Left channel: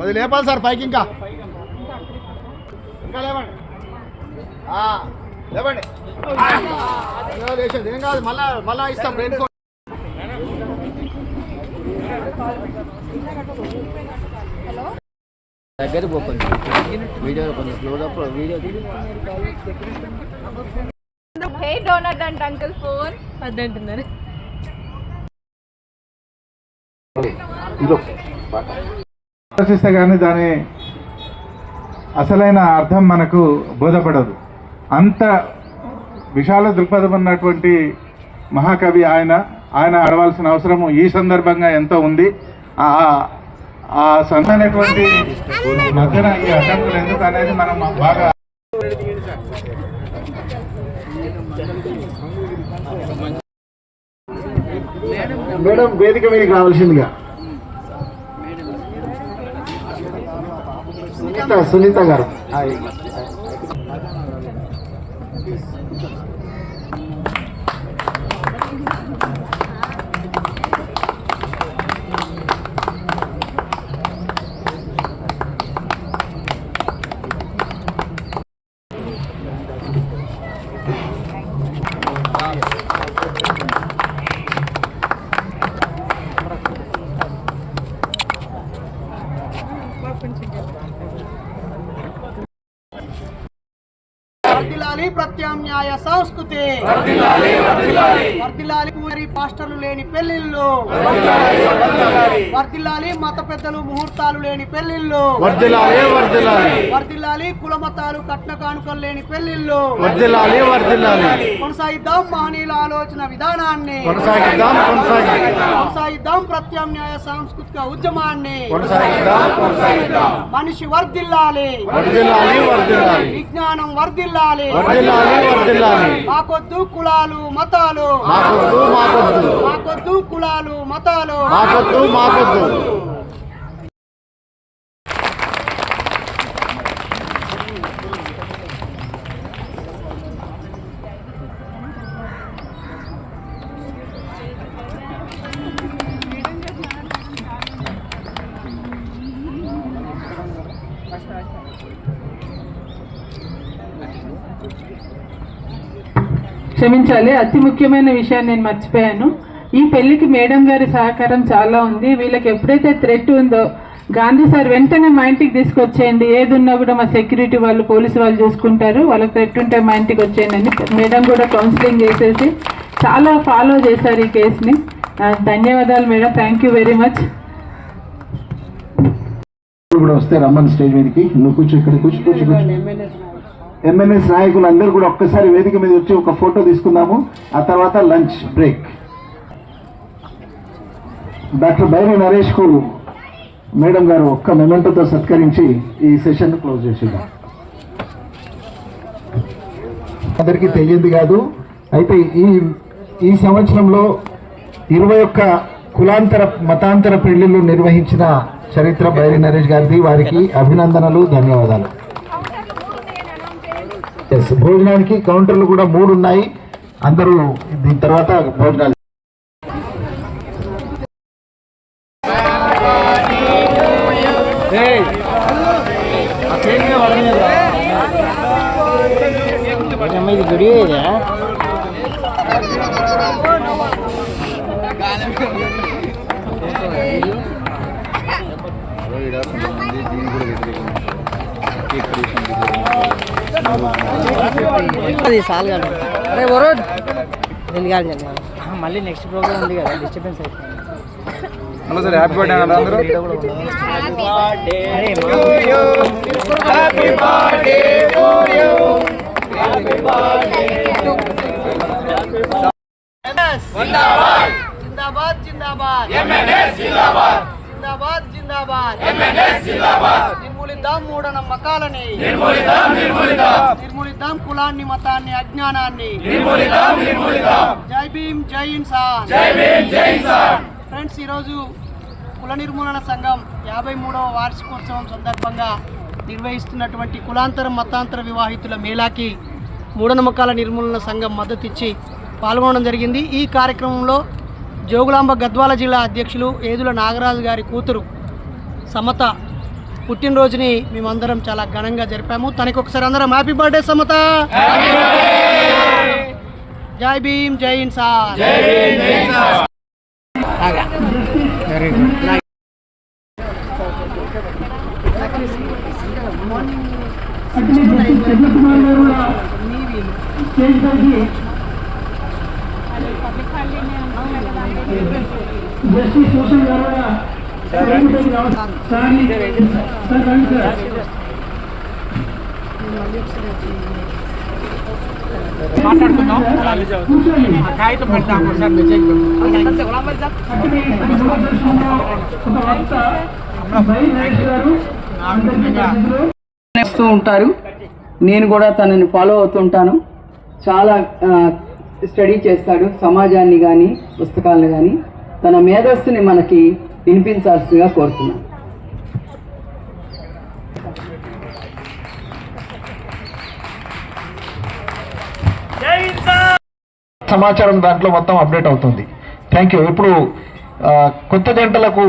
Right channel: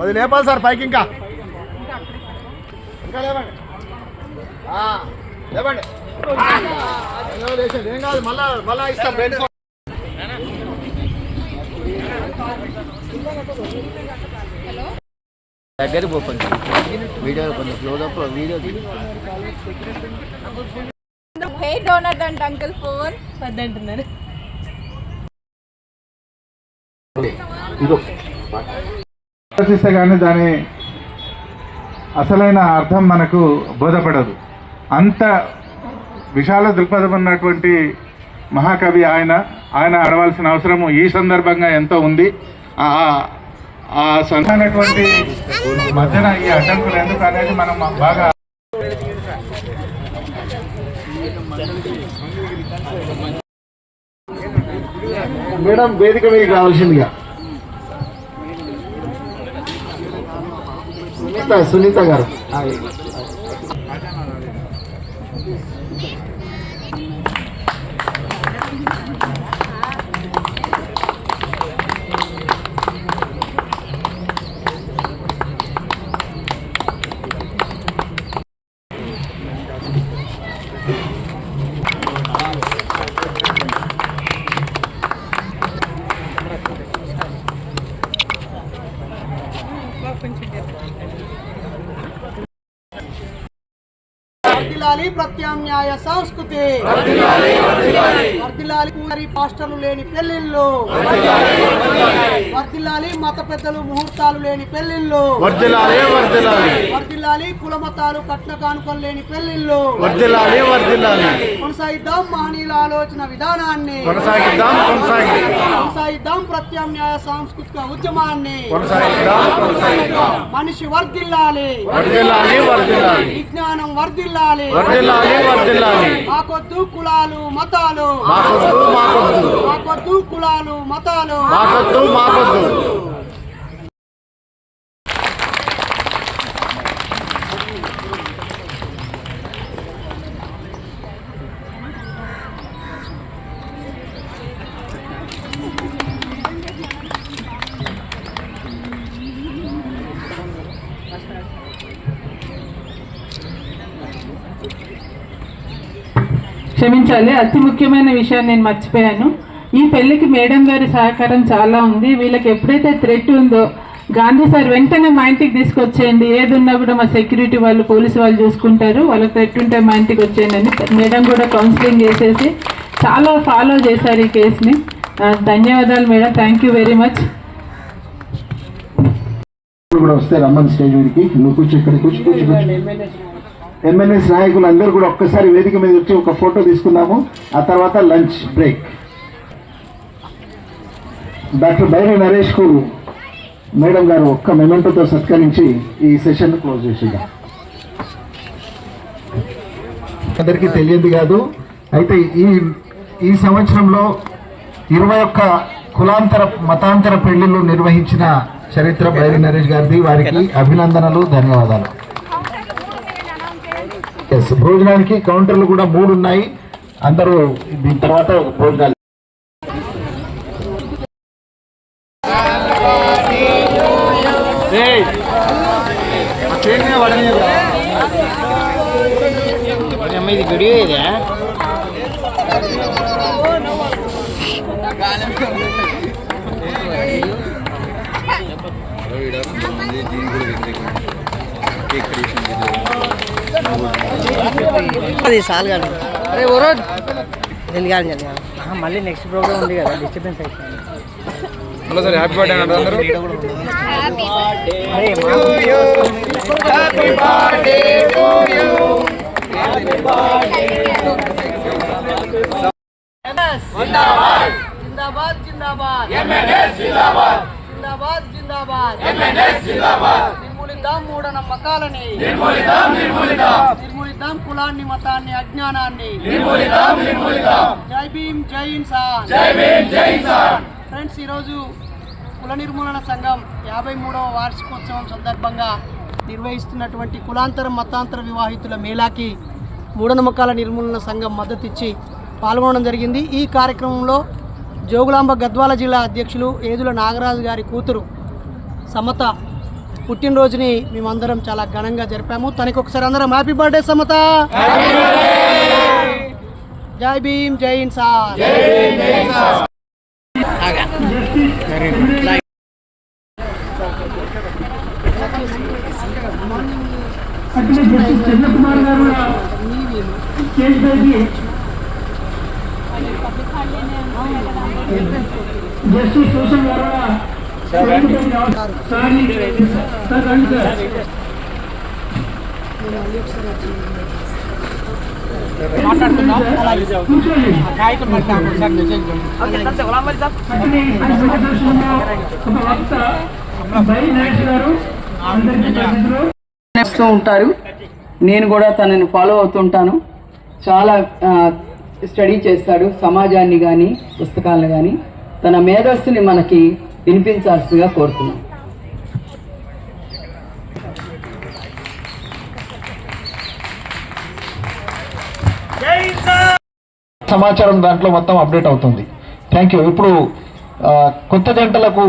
అది లేపాలి సార్ పైకి ఇంకా. ఇంకా లేవండి. ఆ, లేవండి. లేచండి. ఏం కాదు మళ్ళా మళ్ళా ఇస్తాను. దగ్గర పోతుంది వీడియో కొంచెం close up video hair donut అంట అంకుల్ ఫోన్ వద్దంటున్నారు ఆలోచిస్తే కానీ దాని అసలైన అర్థం మనకు బోధపడదు. అంత విశాల దృక్పథం ఉన్నటువంటి మహాకవి ఆయన ఆయన అడవలసిన అవసరము ఈ సందర్భంగా ఎంతో ఉంది. ఆ ఆ సొంతమైనటువంటి మధ్యన ఈ అడ్డంకులు ఎందుకు అనేది మనం బాగా మేడం వేదిక మీకు రావాల్సిందిగా. సునీత సునీత గారు వర్ధిల్లాలి ప్రత్యామ్నాయ సంస్కృతి. వర్ధిల్లాలి పూజారి పాస్టర్లు లేని పెళ్ళిళ్ళు. వర్ధిల్లాలి మత పెద్దలు ముహూర్తాలు లేని పెళ్ళిళ్ళు. వర్దిలాలి వర్దిలాలి వర్ధిల్లాలి కుల మతాలు కట్న కానుకలు లేని పెళ్ళిళ్ళు. వర్దిలాలి వర్దిలాలి కొనసాగిద్దాం మహనీయుల ఆలోచన విధానాన్ని. కొనసాగిద్దాం కొనసాగిద్దాం ప్రత్యామ్నాయ సాంస్కృతిక ఉద్యమాన్ని. మనిషి వర్ధిల్లాలి. వర్దిలాలి వర్దిలాలి విజ్ఞానం వర్ధిల్లాలి. వర్దిలాలి వర్దిలాలి మాకొద్దు కులాలు మతాలు. మాకొద్దు మాకొద్దు. మాకొద్దు కులాలు మతాలు. మాకొద్దు మాకొద్దు. క్షమించాలి. అతి ముఖ్యమైన విషయాన్ని నేను మర్చిపోయాను. ఈ పెళ్ళికి మేడం గారి సహకారం చాలా ఉంది. వీళ్ళకి ఎప్పుడైతే థ్రెట్ ఉందో గాంధీ సార్ వెంటనే మా ఇంటికి తీసుకొచ్చేయండి. ఏది ఉన్నా కూడా మా సెక్యూరిటీ వాళ్ళు పోలీసు వాళ్ళు చూసుకుంటారు. వాళ్ళకి థ్రెట్ ఉంటే మా ఇంటికి వచ్చేయండి. అని మేడం కూడా కౌన్సిలింగ్ చేసేసి చాలా ఫాలో చేశారు ఈ కేసుని ధన్యవాదాలు madam. Thank you very much కూడా వస్తే రమ్మని స్టేజ్ మీదకి నువ్వు కూర్చో ఇక్కడ కూర్చో కూర్చో కూర్చో. ఎంఎన్ఎస్ నాయకులు అందరూ కూడా ఒక్కసారి వేదిక మీద వచ్చి ఒక ఫోటో తీసుకుందాము. ఆ తర్వాత లంచ్ బ్రేక్. డాక్టర్ బైరి నరేష్కు మేడం గారు ఒక్క మెమెంటోతో సత్కరించి ఈ సెషన్ క్లోజ్ చేసేద్దాం. అందరికీ తెలియదు కాదు. అయితే ఈ ఈ సంవత్సరంలో ఇరవై ఒక్క కులాంతర మతాంతర పెళ్ళిళ్ళు నిర్వహించిన చరిత్ర బైరి నరేష్ గారిది. వారికి అభినందనలు ధన్యవాదాలు. భోజనానికి కౌంటర్లు కూడా మూడు ఉన్నాయి. అందరూ దీని తర్వాత భోజనాలు. ఇది ఇదే అది సాల్ కాదు అరే ఓరో మళ్ళీ నెక్స్ట్ ప్రోగ్రామ్ ఉంది కదా డిస్టర్బెన్స్ అయిపోయింది. అరే జిందాబాద్ జిందాబాద్ జిందాబాద్ జిందాబాద్ నిర్మూలిద్దాం మూఢనమ్మకాలని. నిర్మూలిద్దాం కులాన్ని మతాన్ని అజ్ఞానాన్ని. జై భీమ్ జై ఇన్సాన్. ఫ్రెండ్స్ ఈరోజు కుల నిర్మూలన సంఘం యాభై మూడవ వార్షికోత్సవం సందర్భంగా నిర్వహిస్తున్నటువంటి కులాంతర మతాంతర వివాహితుల మేళాకి మూఢనమ్మకాల నిర్మూలన సంఘం మద్దతు ఇచ్చి పాల్గొనడం జరిగింది. ఈ కార్యక్రమంలో జోగులాంబ గద్వాల జిల్లా అధ్యక్షులు ఏదుల నాగరాజు గారి కూతురు సమత పుట్టినరోజుని మేమందరం చాలా ఘనంగా జరిపాము. తనకి ఒకసారి అందరం హ్యాపీ బర్త్డే సమత. జై భీమ్ జై ఇన్సాన్ చేస్తూ ఉంటారు. నేను కూడా తనని ఫాలో అవుతుంటాను. చాలా స్టడీ చేస్తాడు. సమాజాన్ని కానీ పుస్తకాలను కానీ తన మేధస్సుని మనకి వినిపించాల్సిందిగా కోరుతున్నాను. సమాచారం దాంట్లో మొత్తం అప్డేట్ అవుతుంది. థ్యాంక్ యూ ఇప్పుడు కొత్త జంటలకు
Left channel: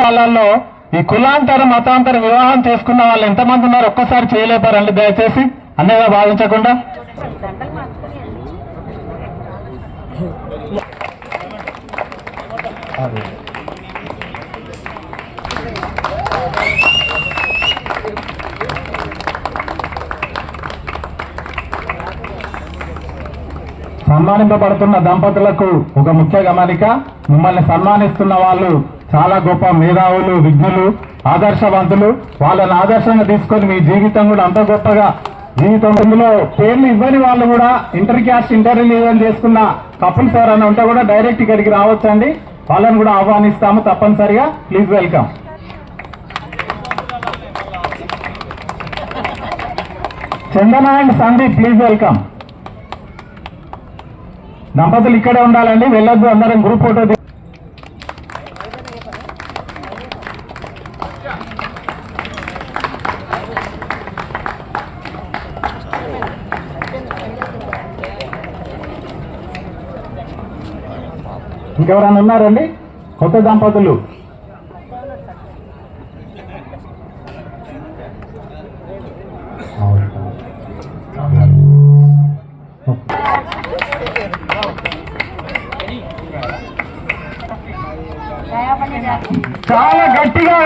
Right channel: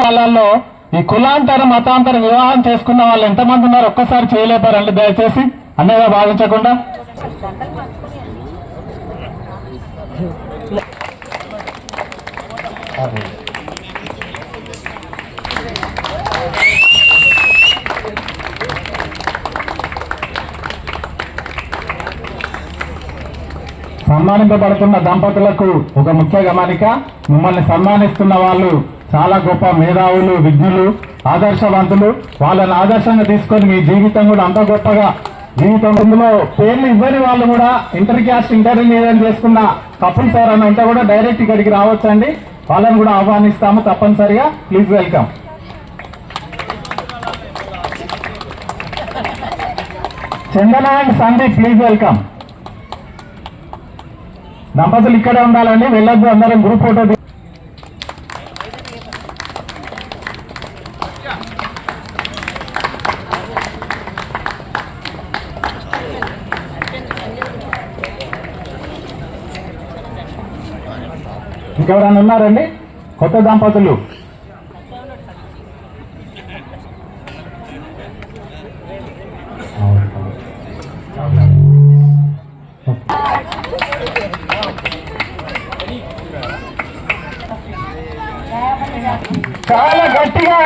కాలాల్లో ఈ కులాంతర మతాంతర వివాహం చేసుకున్న వాళ్ళు ఎంతమంది ఉన్నారు ఒక్కసారి చేయలేపారండి దయచేసి. అన్నగా భావించకుండా. సన్మానింపబడుతున్న దంపతులకు ఒక ముఖ్య గమనిక మిమ్మల్ని సన్మానిస్తున్న వాళ్ళు చాలా గొప్ప మేధావులు విజ్ఞులు ఆదర్శవంతులు. వాళ్ళని ఆదర్శంగా తీసుకొని మీ జీవితం కూడా అంత గొప్పగా జీవితం ఇందులో పేర్లు ఇవ్వని వాళ్ళు కూడా ఇంటర్ క్యాస్ట్ ఇంటర్మీడియట్ చేసుకున్న కపుల్స్ ఎవరైనా ఉంటే కూడా డైరెక్ట్ ఇక్కడికి రావచ్చండి. వాళ్ళని కూడా ఆహ్వానిస్తాము తప్పనిసరిగా. Please welcome. Chandana and Sandeep please welcome. దంపతులు ఇక్కడే ఉండాలండి వెళ్ళొద్దు అందరం గ్రూప్ ఫోటో ఇంకెవరన్నా ఇంకెవరైనా ఉన్నారండి? కొత్త దంపతులు.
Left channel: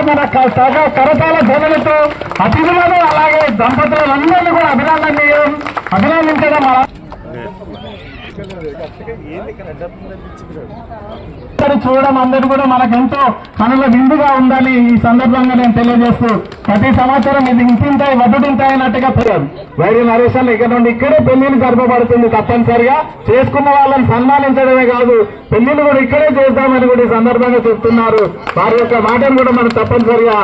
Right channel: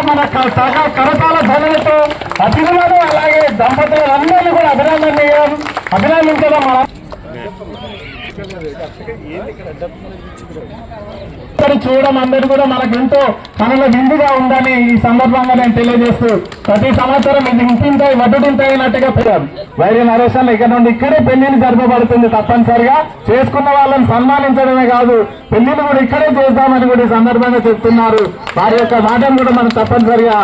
మన క- సగ కరతాల ధ్వనులతో అతిథులను అలాగే దంపతులందరినీ కూడా అభినందన అభినందించడం మన చూడడం అందరూ కూడా మనకు ఎంతో మనలో విందుగా ఉందని ఈ సందర్భంగా నేను తెలియజేస్తూ ప్రతి సంవత్సరం ఇది ఇంతింతాయి వడ్డుంటాయి అన్నట్టుగా పిల్లలు వైద్య నరేషన్ ఇక్కడ నుండి ఇక్కడే పెళ్ళిని జరపబడుతుంది తప్పనిసరిగా. చేసుకున్న వాళ్ళని సన్మానించడమే కాదు పెళ్ళిని కూడా ఇక్కడే చేస్తామని కూడా ఈ సందర్భంగా చెప్తున్నారు. వారి యొక్క మాటను కూడా మనం తప్పనిసరిగా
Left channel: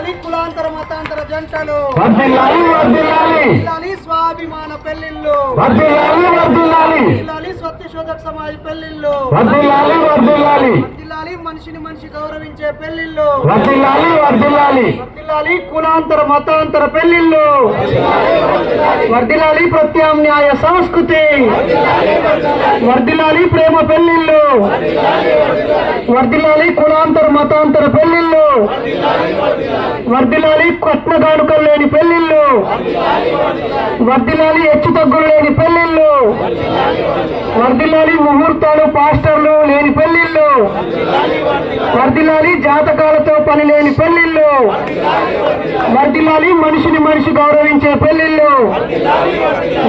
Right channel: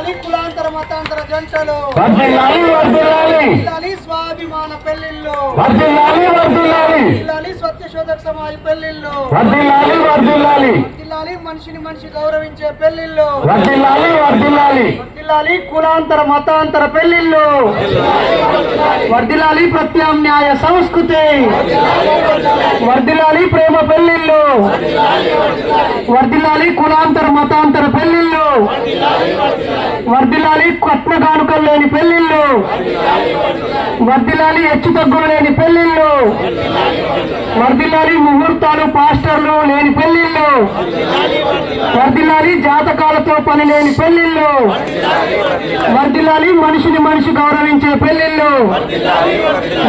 ఇలాలి కులాంతర మతాంతర జంటలు. ఇలాలి స్వాభిమాన పెళ్ళిళ్ళు ఇలాలి సత్యశోధక సమాజ్ పెళ్ళిళ్ళు వర్దిల్లాలి మనిషిని మనిషి గౌరవించే పెళ్ళిళ్ళు వర్దిల్లాలి కులాంతర మతాంతర పెళ్ళిళ్ళు వర్దిల్లాలి ప్రత్యామ్నాయ సంస్కృతి. వర్దిల్లాలి ప్రేమ పెళ్ళిళ్ళు వర్దిల్లాలి కులాంతర మతాంతర పెళ్ళిళ్ళు వర్దిలాలి కట్న కానుకలు లేని పెళ్ళిళ్ళు వర్దిలాలి హెచ్చు తగ్గులు లేని పెళ్ళిళ్ళు వర్దిలాలి ముహూర్తాలు పాస్టర్లు లేని పెళ్ళిళ్ళు వర్దిలాలి జాతకాలతో పని లేని పెళ్ళిళ్ళు వర్దిలాలి మనిషిని మనిషి గౌరవించే పెళ్ళిళ్ళు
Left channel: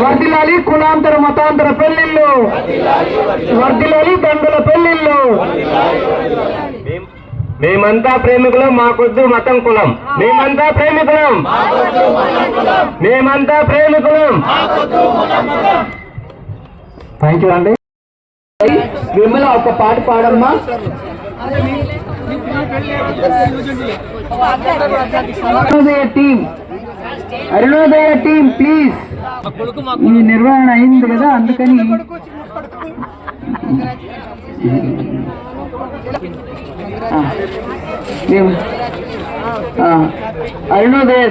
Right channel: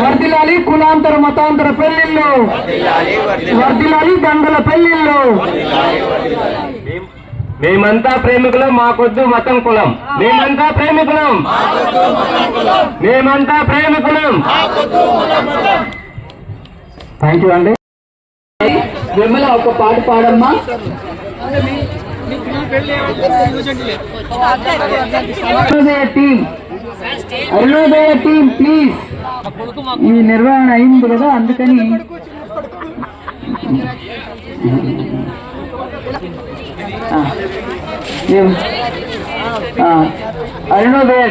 వర్దిలాలి కులాంతర మతాంతర పెళ్ళిళ్ళు వర్దిలాలి దండల పెళ్ళిళ్ళు మేమంతా ప్రేమికులం మాకొద్దు మతం కులం. మేమంతా ప్రేమికులం. మేమంతా ప్రేమికులం. థ్యాంక్ యూ అండి విమల ఒక పాట పాడమ్మా. అరుణోదయ టీం ప్లీజ్ ఈ నిర్వహణ అయింది కదా అందుకని ఏం- ఆ, అరుణోదయ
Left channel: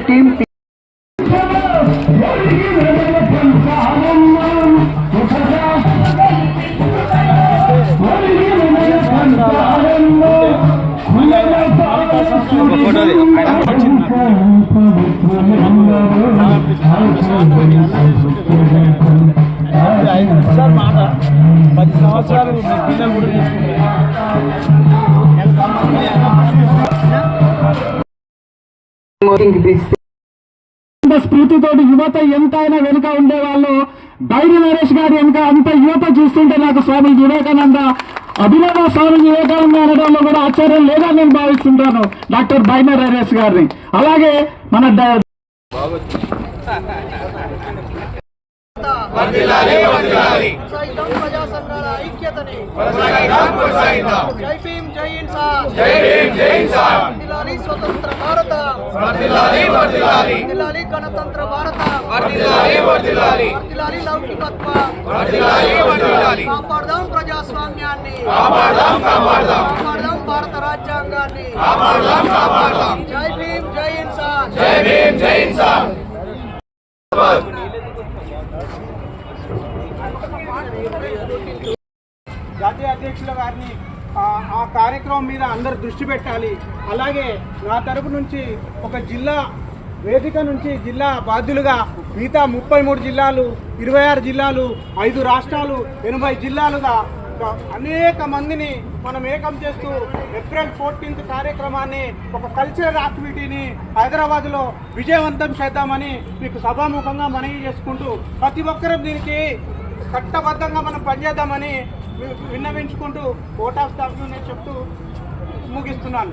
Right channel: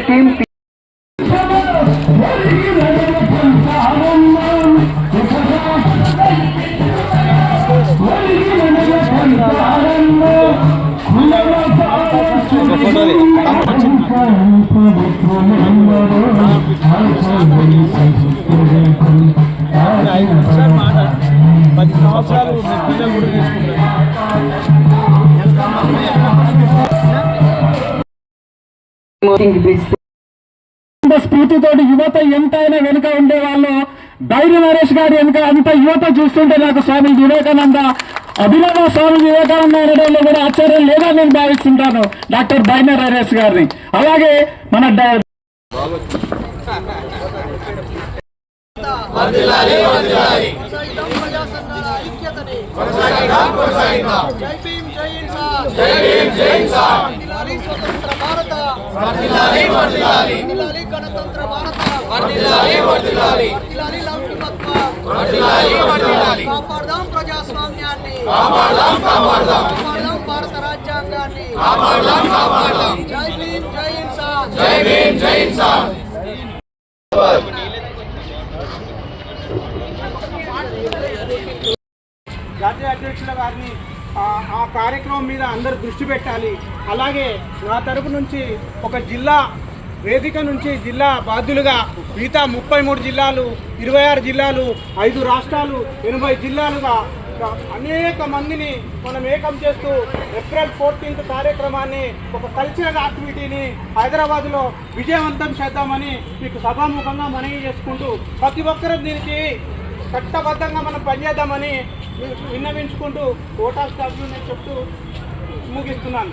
స్ఫూర్తితోటి యువత ఎంతైనా వెనుక ఉండేవాళ్ళు బైరి నరేష్ గారి వెనుక అంత యువత చూస్తుంటే నాకు స్వామి వివేకానంద అభినవ స్వామి వివేకానంద అనడంలో కూడా ఆశ్చర్యం లేదని నేను భావిస్తుంటాను డాక్టర్ బైరి నరేష్ గారిని. అలాగే మన ఐక్యతని జై భీమ్ జై ఇన్సాన్. జై భీమ్ జై ఇన్సాన్. వర్ధిల్లాలి స్వతంత్ర భారత వర్ధిల్లాలి వర్ధిల్లాలి వర్ధిల్లాలి గణతంత్ర భారత వర్ధిల్లాలి వర్ధిల్లాలి వర్ధిల్లాలి లౌకికత్వం వర్ధిల్లాలి వర్ధిల్లాలి కాపాడదాం ప్రజాస్వామ్యాన్ని కాపాడదాం కాపాడదాం కాపాడదాం భారత రాజ్యాంగాన్ని కాపాడదాం కాపాడదాం జై భీమ్ జై ఇన్సాన్ జై భీమ్ జై ఇన్సాన్ జాతీయ అధ్యక్షుల గారిని ఆ, కార్యక్రమం మీద అందరు దృష్టి పెట్టాలి. అలాగే నా తరపు నుంచి ఒక జిల్లా వేదిక నుంచి జిల్లా బాధ్యులుగా మిగతా ముప్పై మూడు జిల్లాలు ఇరవై ఆరు జిల్లాలు ఐదు రాష్ట్రాలు ఎనభై జిల్లాలుగా అనేక మందిని మనం ఏకం చేస్తూ ఏప్రిల్ ఫోర్టీన్త్ కార్యక్రమాన్ని ఒక కల్చరల్ యాక్టివిటీని హైదరాబాద్లో విజయవంతం చేద్దామని మీకు సభాముఖంగా మనవి చేసుకుంటూ ప్రతి ఒక్కరూ దీనికి చట్టబద్ధంగా మనం పనిచేద్దామని విన్నవించుకుంటూ కోటా స్టాఫ్ నేను చెప్తూ ముగిస్తున్నాను.